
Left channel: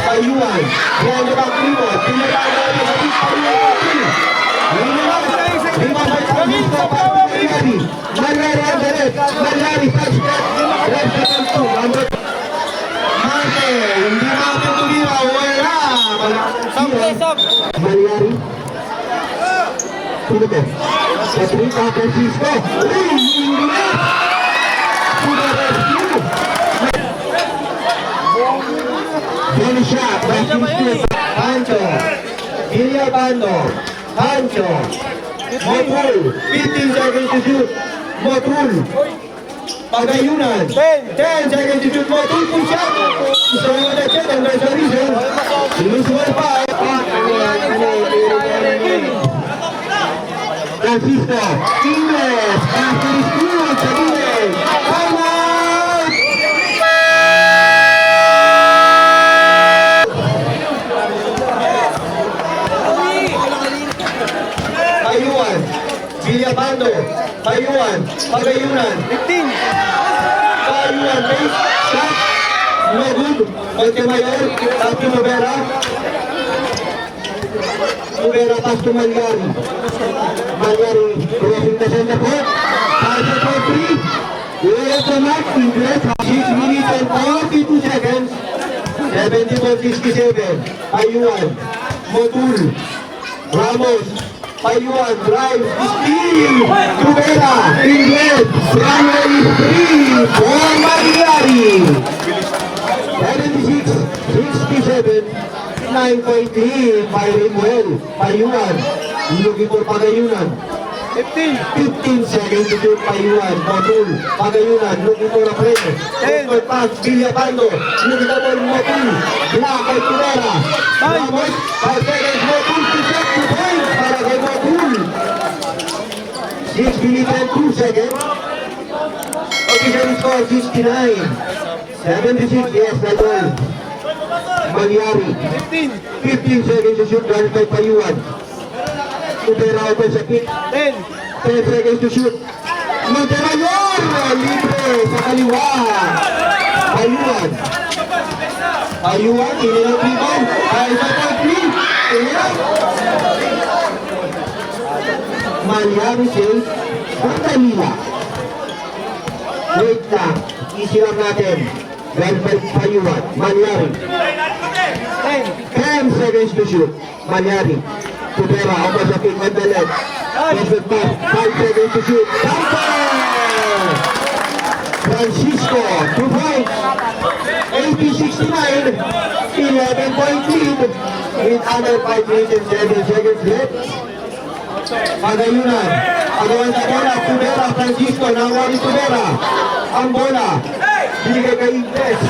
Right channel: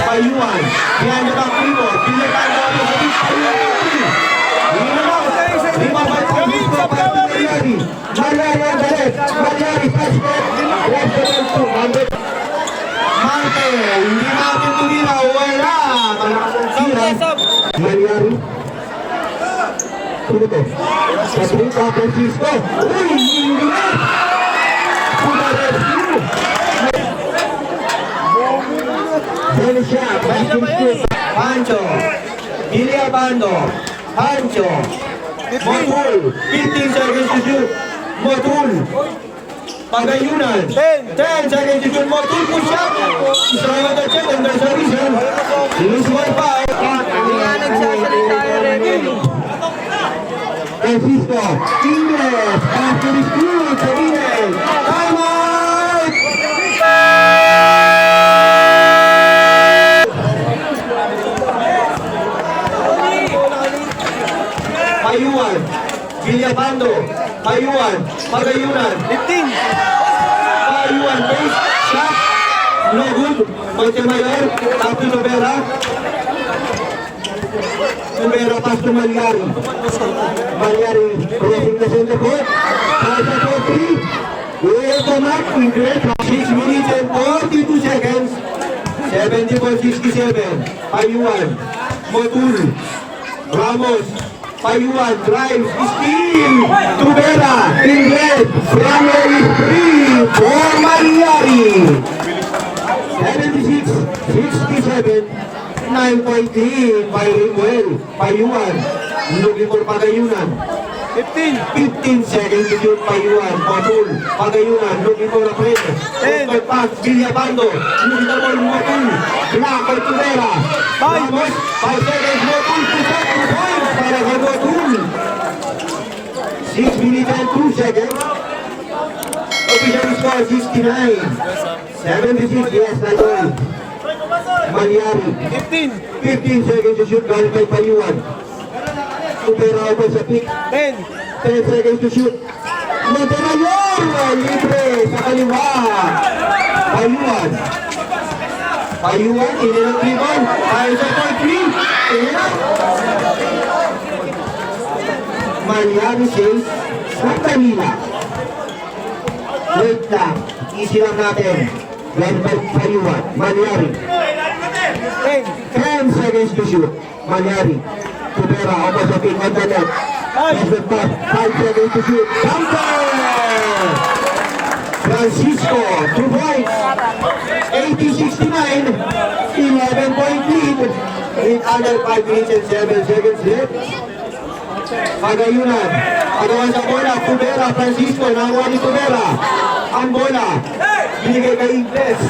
Payuan. Behind the back Primo. Pinatay mo ako sa big Payuan. Ngayon na. Rebound by Francisco. Malyari. Malyari ang galit. Malyari touch back. Left the ball to number. Marte. Hindi natin tumira. Wala. Malakas sira. Malyari. Sino to? Patrick Francisco. Uy! Hindi na. Sino rescue? Bonus shot, basket scoop. Pancho. Billy Abando. Pancho. Motul. 15 seconds to shoot. Motul. Pagayunan. 10 seconds to shoot. Motul push up. Throwing the check and there's a reason. Lose one foul. Francisco. Ingles. Basket scoop. Sabines. Time out. Payuan, Villapando, Payuan, Pagayunan, 15. Payuan, base, shot, no good. Montemayor, Tapi Novera. Novera pass to Malyari. Malyari, crossing the center court. Pass for 3. Here's the mark, Ingles, 6 minutes and 42 seconds. 71-67. Payuan, Motul, Ramos, Payuan, drive, steal, Tubera, in red, runway is 3 for Malyari. 76-67, 9-3, firing well, Payuan, looking for Pagayunan. 15 seconds to shoot Payuan, Motul, Pagayunan, looking for a play. 10 pass, Villapando, looking for Motul, block by Tubera. Ramos, 5 seconds, Motul to set 2 points para kay Motul. 6 minutes and 2 seconds. Official score 69. 76, yes, that's all. Malyari. 15 seconds to shoot, galing kay Payuan. Tubera ako sa pick. 10 seconds to shoot. Montemayor, libre sa kaliwa. Payuan. Payuan, ilang rebound. Ay sa point 3. Ilang. Malyari says, Sandalila. Wait lang. Easy lang natin. Led by Payuan. Malyari. 10 seconds to shoot. Malyari. Tubera, ako sa pick on the left. Present pass. 5 seconds to shoot. Bumper! Francisco, 2 points. 80-69. 11-point lead. With under 5 minutes and 7 seconds left. Pagayunan. Pagawan sa bola. Tubera, Francisco. Nakuha ni Tubera. Ang bola. Binigay kay Ingles.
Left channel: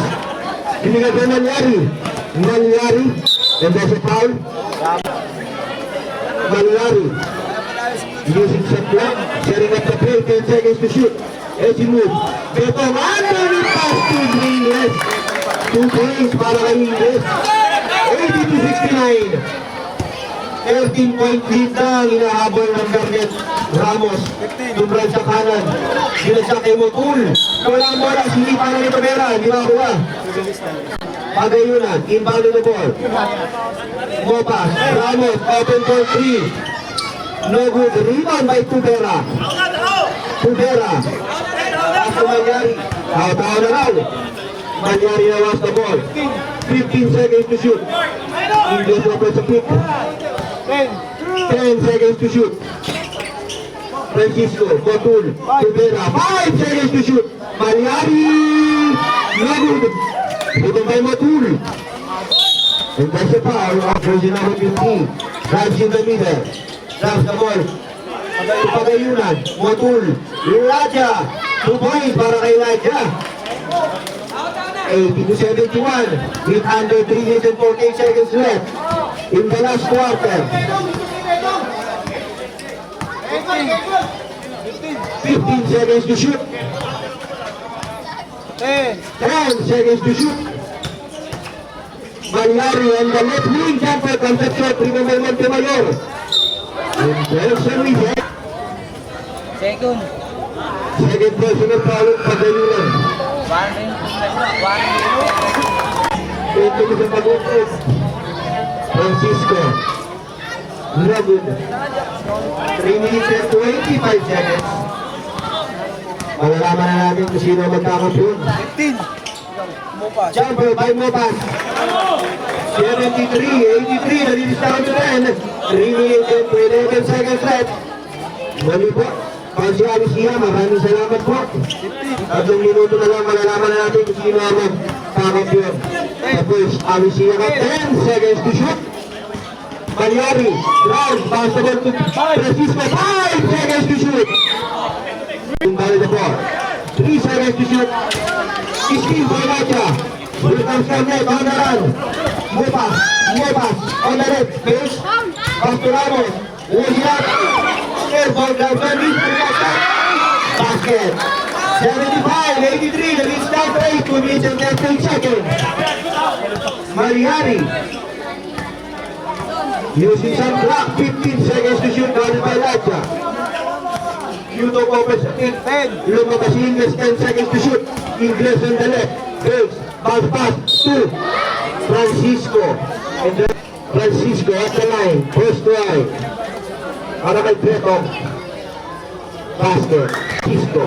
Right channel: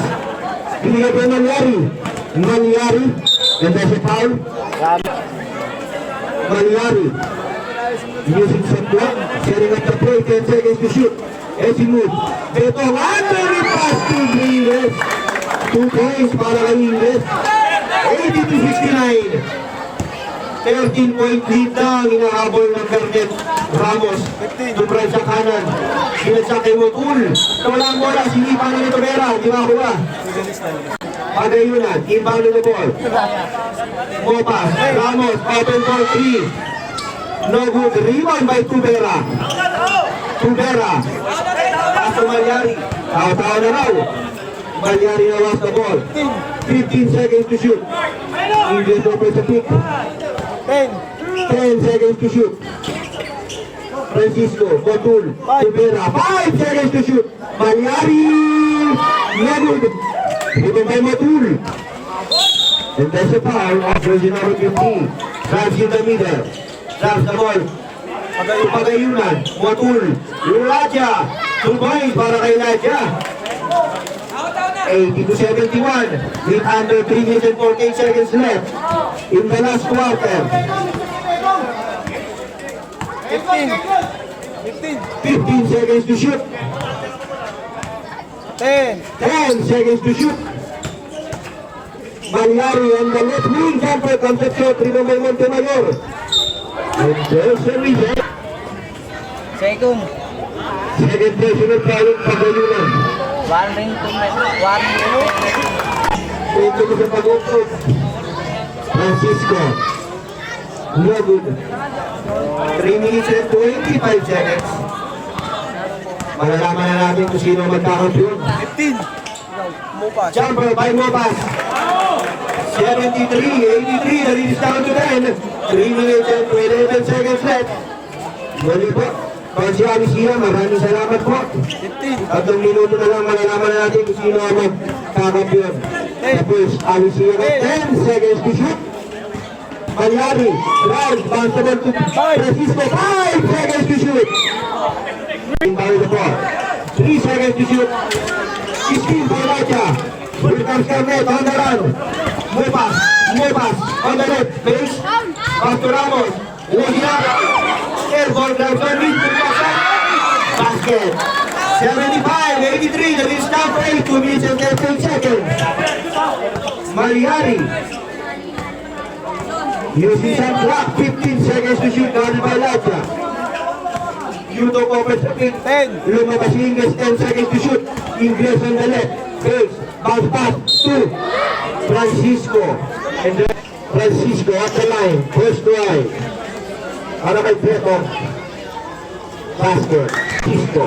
Binigay kay Malyari. Malyari. And there's a foul. Maliari. Using some block. Setting up the play. 10 seconds to shoot. As he moves. Beto underneath pass to Ingles. 2 points para kay Ingles. 80-69. 13-point lead na ang inahabol ng Berget Ramos. Tumray sa kanan. Sinadsak kay Motul. Wala ang bola. Sinipa na nito Vera. Hindi makuha. Pagayunan. Inbound na the ball. Mopas. Ramos. Open ball 3. No good. Rebound by Tubera. Tubera. Paso Malyari. Tao na raw. Malyari na was the ball. 15 seconds to shoot. Ingles open sa pick. 10 seconds to shoot. Francisco, Motul, Tubera, 5 seconds to shoot. Malyari, Nagud, ito by Motul. And there's a foul of version number 15. Drives in the middle. Drives the ball. Pagayunan, Motul, Raja, 2 points para kay Raja. 80-71 with under 3 minutes and 14 seconds left in the last quarter. 15 seconds to shoot. 10 seconds to shoot. Malyari and the left wing jumper comes up short. Remember Montemayor. And there's a rebound. Second. Second personal foul Pagayunan. Ito ko sa pag-utos. Francisco. Nagud. 3 minutes and 25 seconds. Malalaman na natin kung sino magkakampiyon. 15. Mopas. Jumper by Mopas. 73-83. Nalilis down to 10. 3 minutes and 11 seconds left. Mali po. Pansi Alisira, maraming salamat po. 3 minuto na lang malalaman na natin kung sino ang magkakampiyon. Tapos Alisira, 10 seconds to shoot. Malyari, drive, basketball to Francisco, 5 seconds to shoot. Inbound the ball, 3 seconds to shoot. 16 for Raja. Here comes Carnet on the run. Mopas on the red. Base, back to Ramos. Legia, air ball drive, basket. 75-83, the lead start to 8, 2 minutes and 13 seconds. Malyari. Using some clock, 15 seconds to shoot down by Raja. Yuto opens the pick, 10. Lumabas Ingles, 10 seconds to shoot. Ingles on the left. Base, bounce pass, 2. Francisco. And then Francisco at the line. First try. Para kay Preto. Basket. Francisco.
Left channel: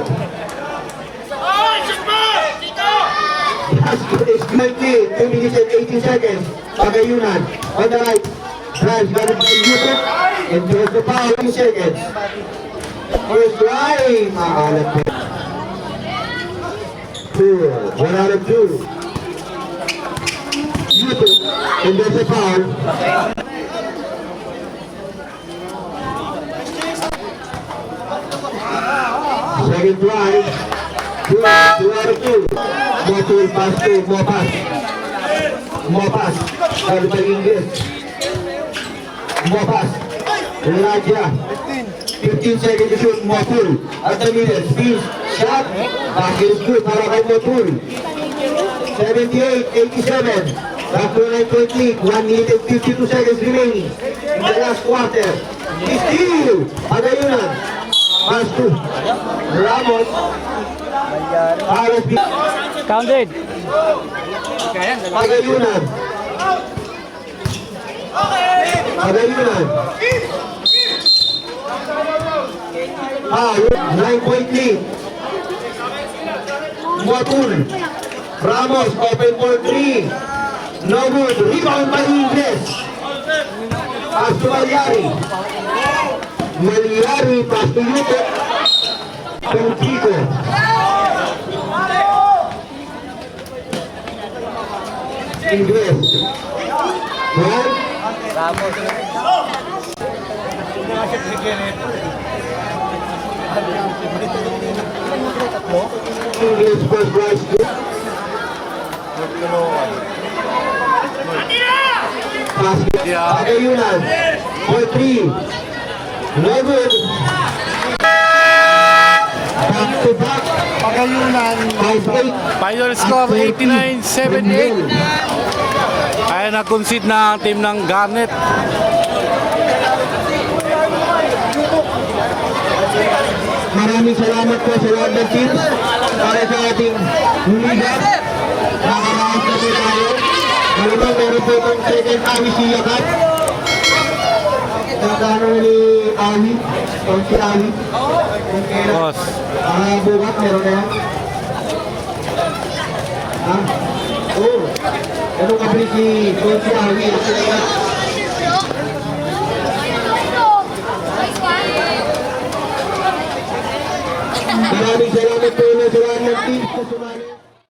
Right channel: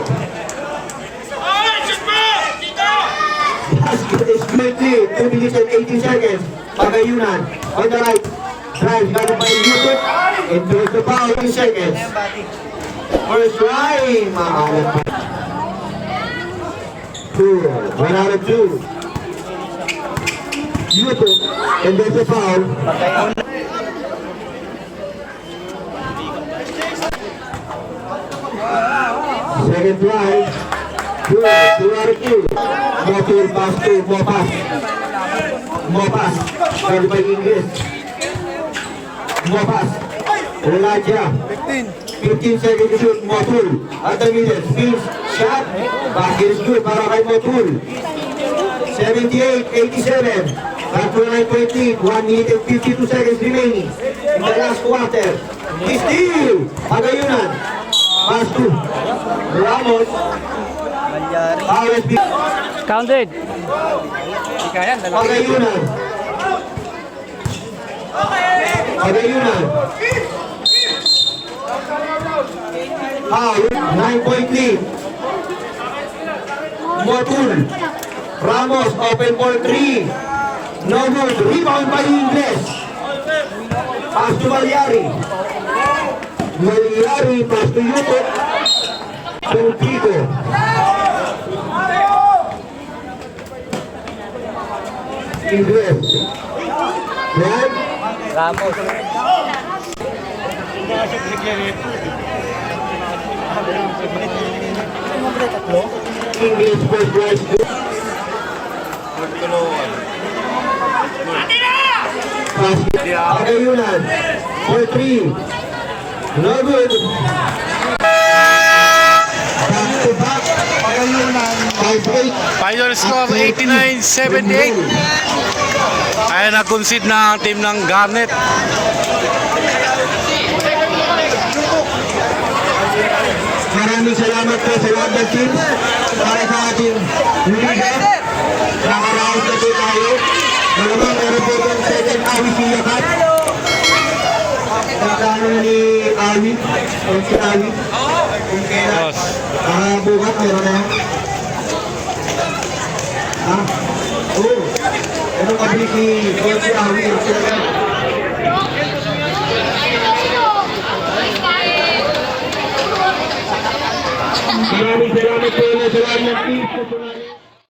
Basket is 20. 2 minutes and 18 seconds. Pagayunan. On the right. Drive by Yuto. And there's the foul 2 seconds. First try. Maalat po. 2. 1 out of 2. Yuto. And there's a foul. Second drive. 2 out of 2. Motul pass to Mopas. Mopas. Drive by Ingles. Mopas. Raja. 15 seconds to shoot. Motul. At the middle. Spins. Shot. Basket is good para kay Motul. 78-87. Back to 9-point lead. 1 minute and 52 seconds remaining in the last quarter. Steal. Pagayunan. Pass to Ramos. RSB. Counted. Pagayunan. Pagayunan. 9-point lead. Motul. Ramos, open ball 3. No good. Rebound by Ingles. Pass to Malyari. Malyari, pass to Yuto. Peltico. Ingles. Yan. Ingles first rise. Pagayunan. 4-3. No good. Back to back. Pagayunan. 5-8. Final score 89-78. Ay nag-concede na ang team ng Garnet. Maraming salamat po sa lahat ng team para sa ating liga. Nakaraos na po tayo. Malamang meron po itong second Awi Siya Cup. Nagkano ni Awi o si Awi. Yes. Bukas meron na yan. Oo. Anong abri si Awi? Maraming salamat po sa lahat ng team sa sumali.